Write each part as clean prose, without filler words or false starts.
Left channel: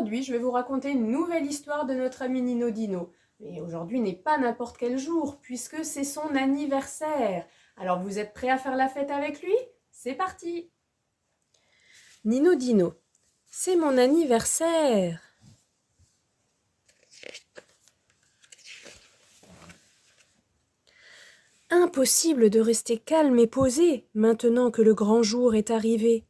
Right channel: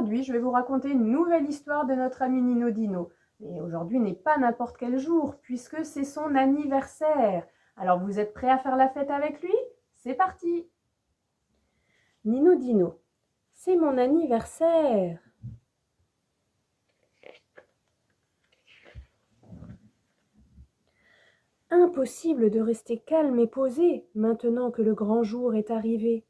aujourd'hui, je vais vous raconter une nouvelle histoire de notre ami Nino Dino. Mais aujourd'hui n'est pas n'importe quel jour, puisque c'est son anniversaire. Alors vous êtes prêts à faire la fête avec lui? C'est parti! Nino Dino, c'est mon anniversaire. Impossible de rester calme et posé maintenant que le grand jour est arrivé.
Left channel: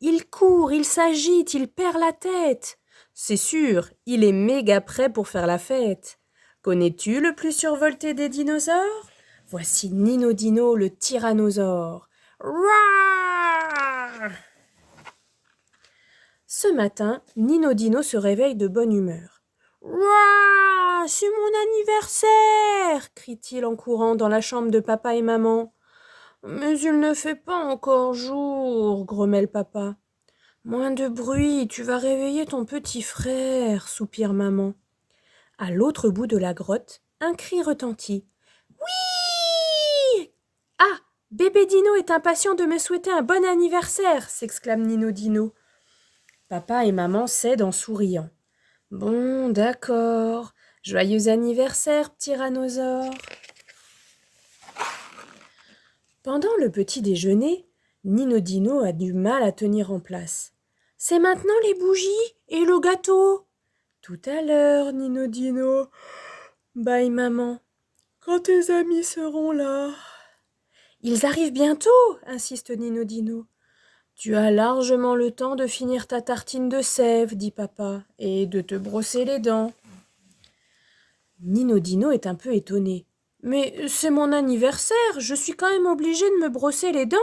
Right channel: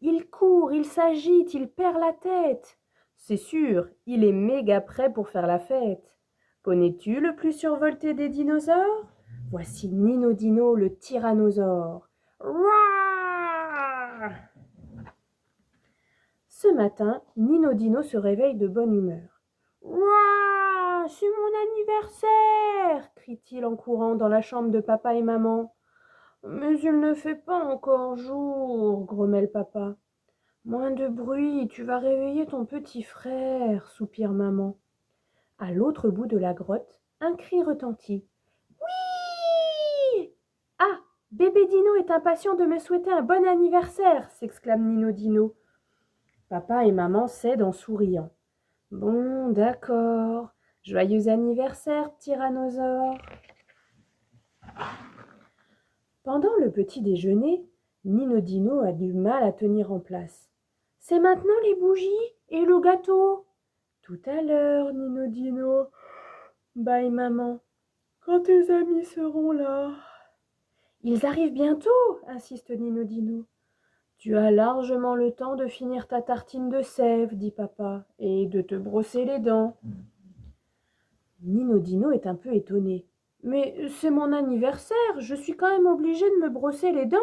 Il court, il s'agite, il perd la tête. C'est sûr, il est méga prêt pour faire la fête. Connais-tu le plus survolté des dinosaures? Voici Nino Dino, le tyrannosaure. Roar! Ce matin, Nino Dino se réveille de bonne humeur. Roar! C'est mon anniversaire! Crie-t-il en courant dans la chambre de papa et maman. Mais il ne fait pas encore jour, grommelle papa. Moins de bruit, tu vas réveiller ton petit frère, soupire maman. À l'autre bout de la grotte, un cri retentit. Oui! Ah, bébé Dino est impatient de me souhaiter un bon anniversaire, s'exclame Nino Dino. Papa et maman cèdent en souriant. Bon, d'accord. Joyeux anniversaire, tyrannosaure. Pendant le petit déjeuner, Nino Dino a du mal à tenir en place. C'est maintenant les bougies et le gâteau. Tout à l'heure, Nino Dino. Bye maman. Quand tes amis seront là. Ils arrivent bientôt, insiste Nino Dino. Tu as largement le temps de finir ta tartine de sève, dit papa, et de te brosser les dents. Nino Dino est un peu étonné. Mais c'est mon anniversaire, je suis quand même obligé de me brosser les dents.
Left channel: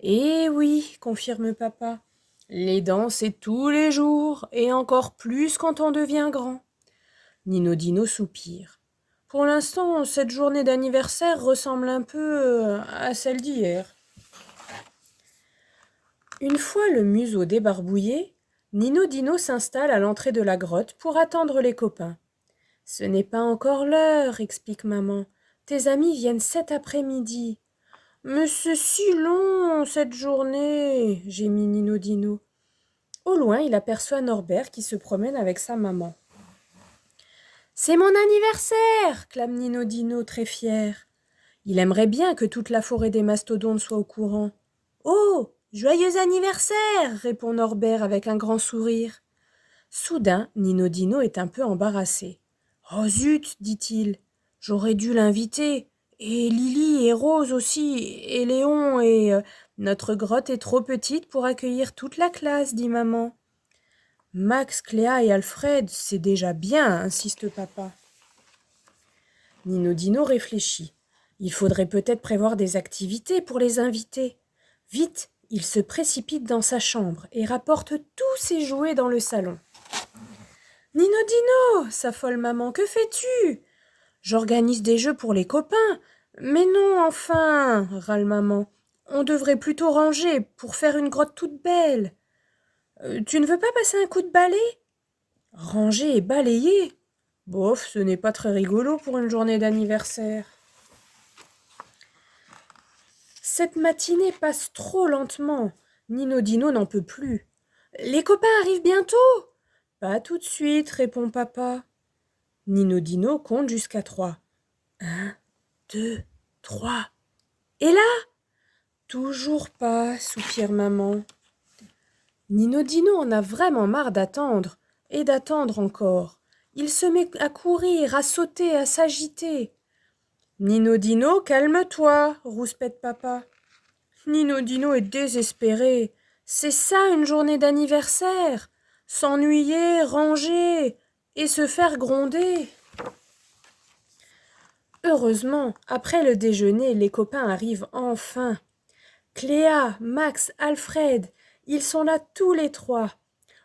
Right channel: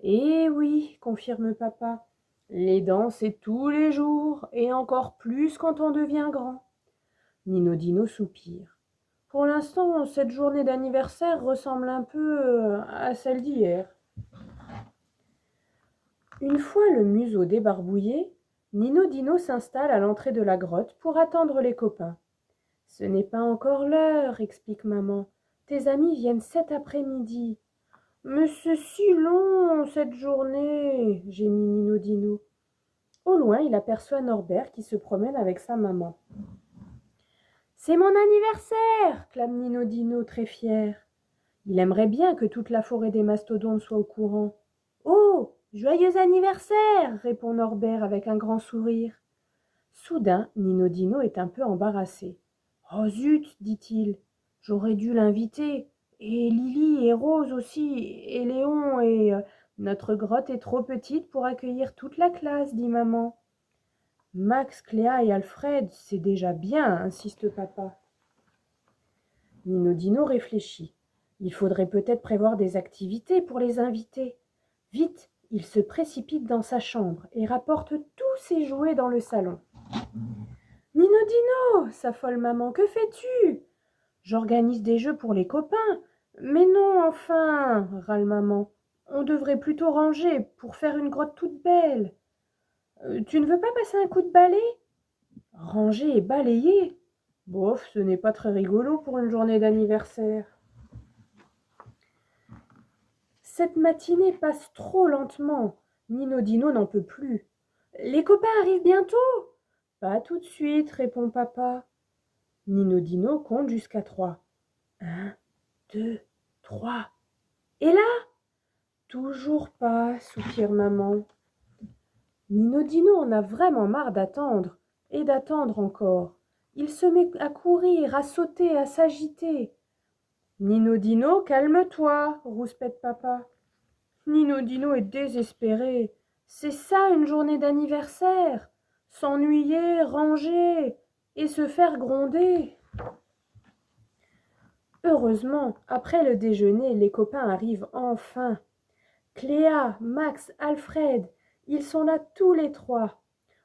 Eh oui, confirme papa. Les dents, c'est tous les jours, et encore plus quand on devient grand. Nino Dino soupire. Pour l'instant, cette journée d'anniversaire ressemble un peu à celle d'hier. Une fois le museau débarbouillé, Nino Dino s'installe à l'entrée de la grotte pour attendre les copains. Ce n'est pas encore l'heure, explique maman. Tes amis viennent cet après-midi. Mais c'est si long, cette journée, gémit Nino Dino. Au loin, il aperçoit Norbert qui se promène avec sa maman. C'est mon anniversaire, clame Nino Dino très fier. Il aimerait bien que toute la forêt des mastodontes soit au courant. Oh, joyeux anniversaire, répond Norbert avec un grand sourire. Soudain, Nino Dino est un peu embarrassé. Oh zut, dit-il, j'aurais dû l'inviter. Et Lily et Rose aussi, et Léon et... Notre grotte est trop petite pour accueillir toute la classe, dit maman. Max, Cléa et Alfred, c'est déjà bien, insiste papa. Nino Dino réfléchit. Il faudrait peut-être prévoir des activités pour les invités. Vite, il se précipite dans sa chambre et rapporte tous ses jouets dans le salon. Nino Dino, s'affole maman, que fais-tu? J'organise des jeux pour les copains. Mais non, enfin, râle maman. On devrait plutôt ranger pour faire une grotte toute belle. Tu ne veux pas passer un coup de balai? Ranger et balayer? Bof, ce n'est pas très rigolo pour une journée d'anniversaire. Cette matinée passe trop lentement. Nino Dino n'en peut plus. Les copains arrivent bientôt? Pas tout de suite, répond papa. Nino Dino compte jusqu'à 3. 1, 2, 3. Et là? Toujours pas, soupire maman. Nino Dino en a vraiment marre d'attendre, et d'attendre encore. Il se met à courir, à sauter, à s'agiter. Nino Dino, calme-toi, rouspète papa. Nino Dino est désespéré. C'est ça une journée d'anniversaire. S'ennuyer, ranger et se faire gronder. Heureusement, après le déjeuner, les copains arrivent enfin. Cléa, Max, Alfred, ils sont là tous les 3.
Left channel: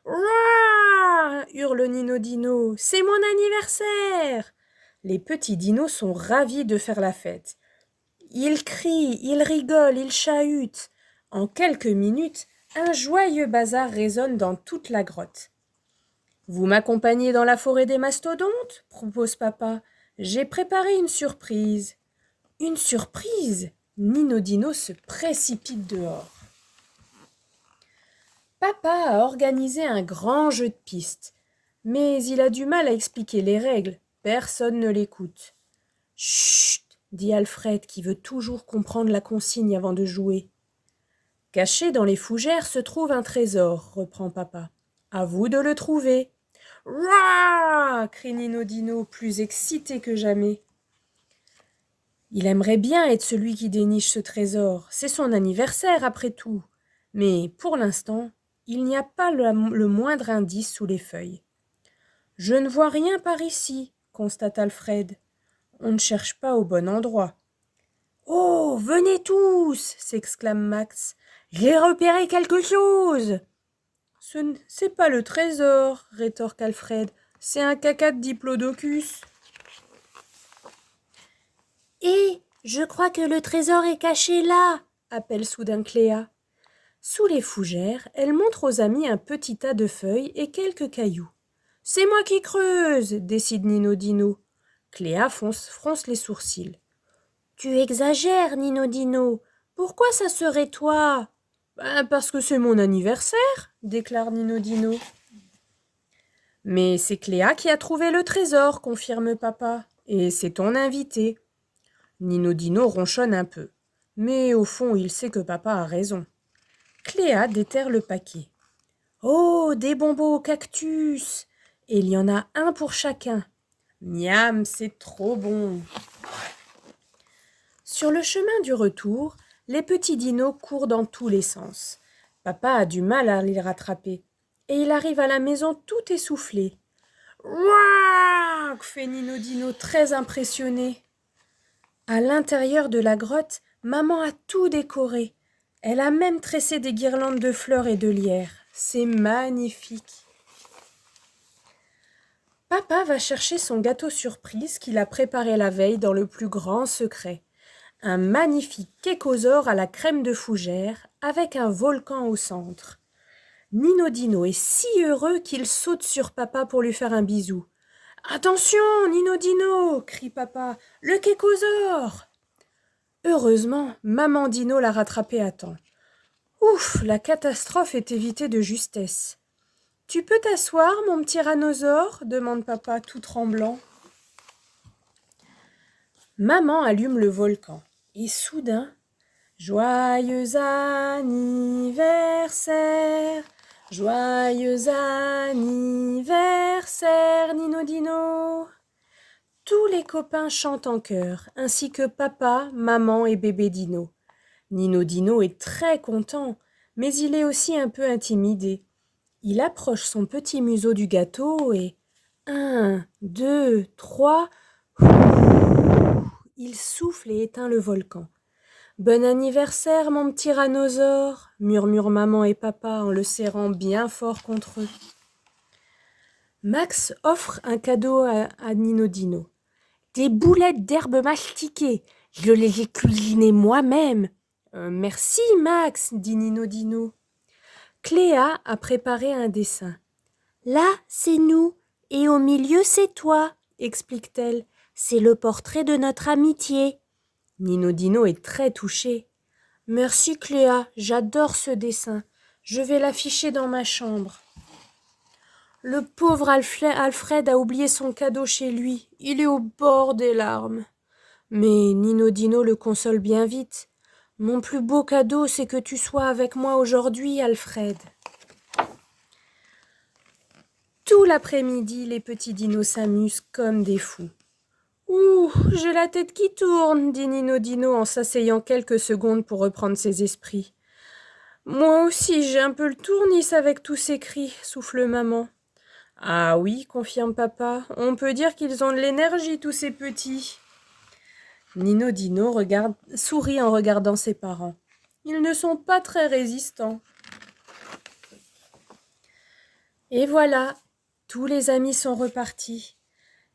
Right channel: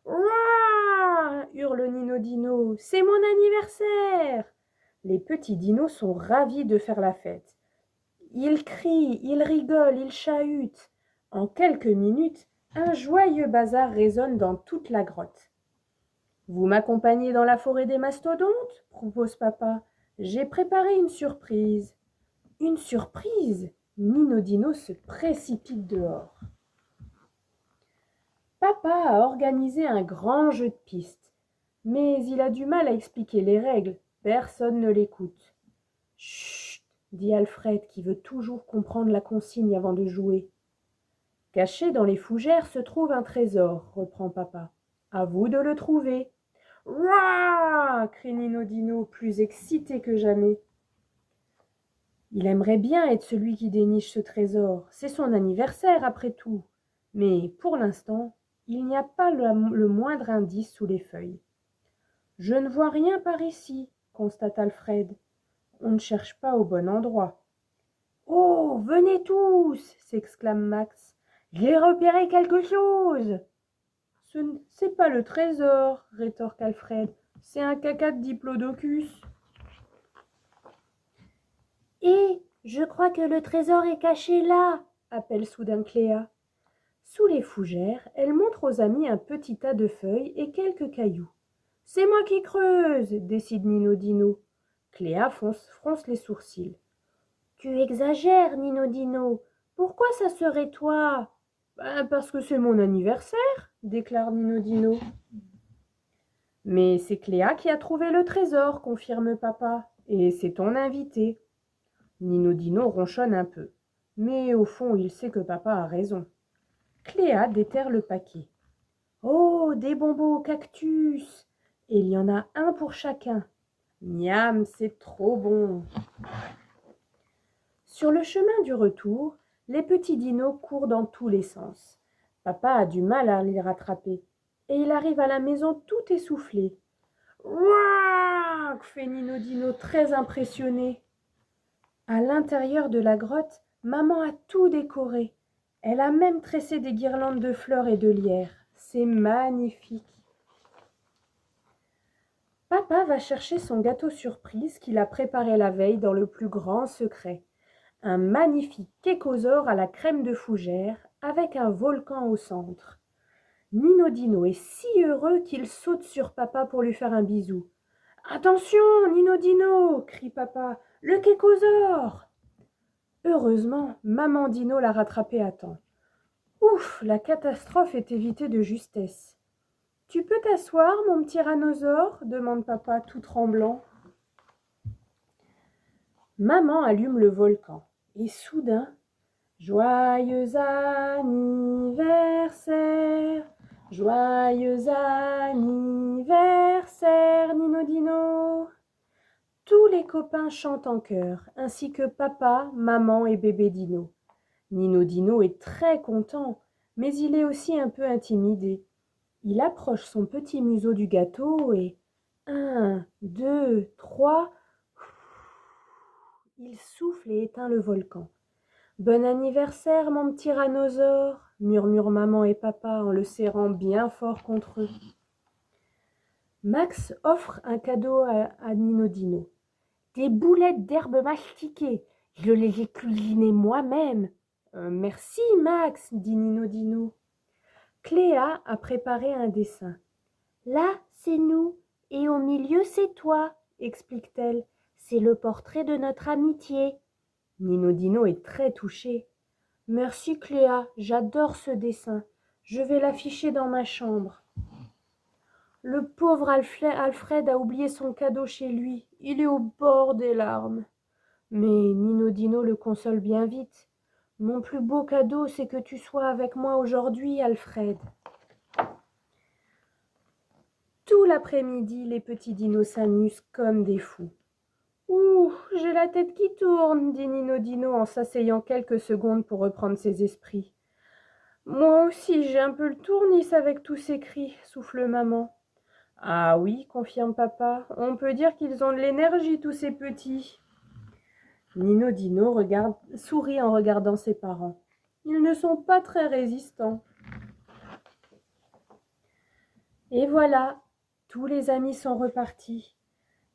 Ouah! Hurle Nino Dino. C'est mon anniversaire! Les petits dinos sont ravis de faire la fête. Ils crient, ils rigolent, ils chahutent. En quelques minutes, un joyeux bazar résonne dans toute la grotte. Vous m'accompagnez dans la forêt des mastodontes? Propose papa. J'ai préparé une surprise. Une surprise? Nino Dino se précipite dehors. Papa a organisé un grand jeu de piste. Mais il a du mal à expliquer les règles. Personne ne l'écoute. Chut, dit Alfred qui veut toujours comprendre la consigne avant de jouer. Caché dans les fougères se trouve un trésor, reprend papa. À vous de le trouver. Rah crie Nino Dino, plus excité que jamais. Il aimerait bien être celui qui déniche ce trésor. C'est son anniversaire après tout. Mais pour l'instant, il n'y a pas le moindre indice sous les feuilles. Je ne vois rien par ici, constate Alfred. On ne cherche pas au bon endroit. Oh, venez tous s'exclame Max. J'ai repéré quelque chose. C'est pas le trésor, rétorque Alfred. C'est un caca de diplodocus. Et je crois que le trésor est caché là, appelle soudain Cléa. Sous les fougères, elle montre aux amis un petit tas de feuilles et quelques cailloux. C'est moi qui creuse, décide Nino Dino. Cléa fronce les sourcils. Tu exagères, Nino Dino. Pourquoi ça serait toi? Parce que c'est mon anniversaire, déclare Nino Dino. Mais c'est Cléa qui a trouvé le trésor, confirme papa. Et c'est ton invité. Nino Dino ronchonne un peu. Mais au fond, il sait que papa a raison. Cléa déterre le paquet. Oh, des bonbons au cactus! Et il y en a un pour chacun. Miam, c'est trop bon! Sur le chemin du retour, les petits dinos courent dans tous les sens. Papa a du mal à les rattraper. Et il arrive à la maison tout essoufflé. Ouah! Fait Nino Dino très impressionné. À l'intérieur de la grotte, maman a tout décoré. Elle a même tressé des guirlandes de fleurs et de lierre. C'est magnifique. Papa va chercher son gâteau surprise qu'il a préparé la veille dans le plus grand secret. Un magnifique kékosaure à la crème de fougère avec un volcan au centre. Nino Dino est si heureux qu'il saute sur papa pour lui faire un bisou. « Attention, Nino Dino !» crie papa. « Le kékosaure !» Heureusement, maman Dino l'a rattrapé à temps. Ouf, la catastrophe est évitée de justesse. « Tu peux t'asseoir, mon petit tyrannosaure ?» demande papa tout tremblant. Maman allume le volcan et soudain, « Joyeux anniversaire, joyeux anniversaire, Nino Dino !» Tous les copains chantent en chœur, ainsi que papa, maman et bébé Dino. Nino Dino est très content, mais il est aussi un peu intimidé. Il approche son petit museau du gâteau et 1, 2, 3, il souffle et éteint le volcan. Bon anniversaire, mon petit tyrannosaure, murmurent maman et papa en le serrant bien fort contre eux. Max offre un cadeau à Nino Dino. Des boulettes d'herbe mastiquées, je les ai cuisinées moi-même. Merci, Max, dit Nino Dino. Cléa a préparé un dessin. Là, c'est nous, et au milieu, c'est toi, explique-t-elle. C'est le portrait de notre amitié. Nino Dino est très touché. Merci, Cléa, j'adore ce dessin. Je vais l'afficher dans ma chambre. Le pauvre Alfred a oublié son cadeau chez lui. Il est au bord des larmes. Mais Nino Dino le console bien vite. Mon plus beau cadeau, c'est que tu sois avec moi aujourd'hui, Alfred. Tout l'après-midi, les petits dinos s'amusent comme des fous. Ouh, j'ai la tête qui tourne, dit Nino Dino en s'asseyant quelques secondes pour reprendre ses esprits. Moi aussi, j'ai un peu le tournis avec tous ces cris, souffle maman. Ah oui, confirme papa, on peut dire qu'ils ont de l'énergie, tous ces petits. Nino Dino sourit en regardant ses parents. Ils ne sont pas très résistants. Et voilà, tous les amis sont repartis.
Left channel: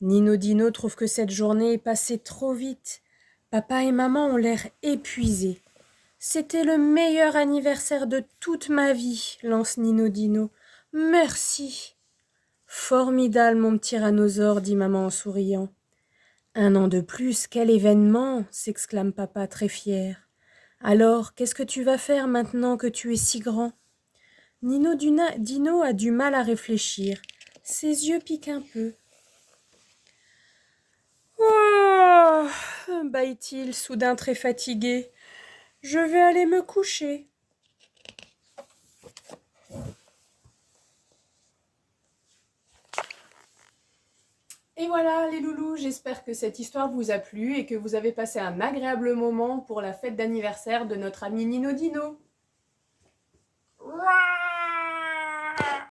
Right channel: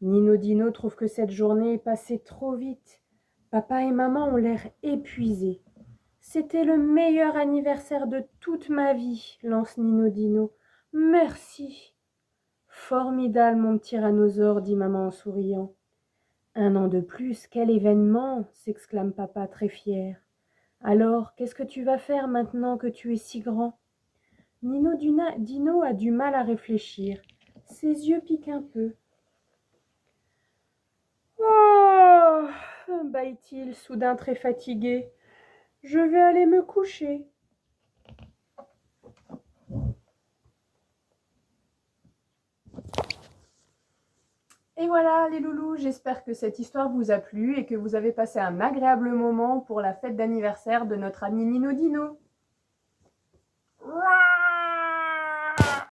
Nino Dino trouve que cette journée est passée trop vite. Papa et maman ont l'air épuisés. C'était le meilleur anniversaire de toute ma vie, lance Nino Dino. Merci. Formidable, mon petit tyrannosaure, dit maman en souriant. Un an de plus, quel événement, s'exclame papa très fier. Alors, qu'est-ce que tu vas faire maintenant que tu es si grand? Dino a du mal à réfléchir. Ses yeux piquent un peu. « Oh » bâille-t-il, soudain très fatigué. « Je vais aller me coucher. » Et voilà les loulous, j'espère que cette histoire vous a plu et que vous avez passé un agréable moment pour la fête d'anniversaire de notre ami Nino Dino.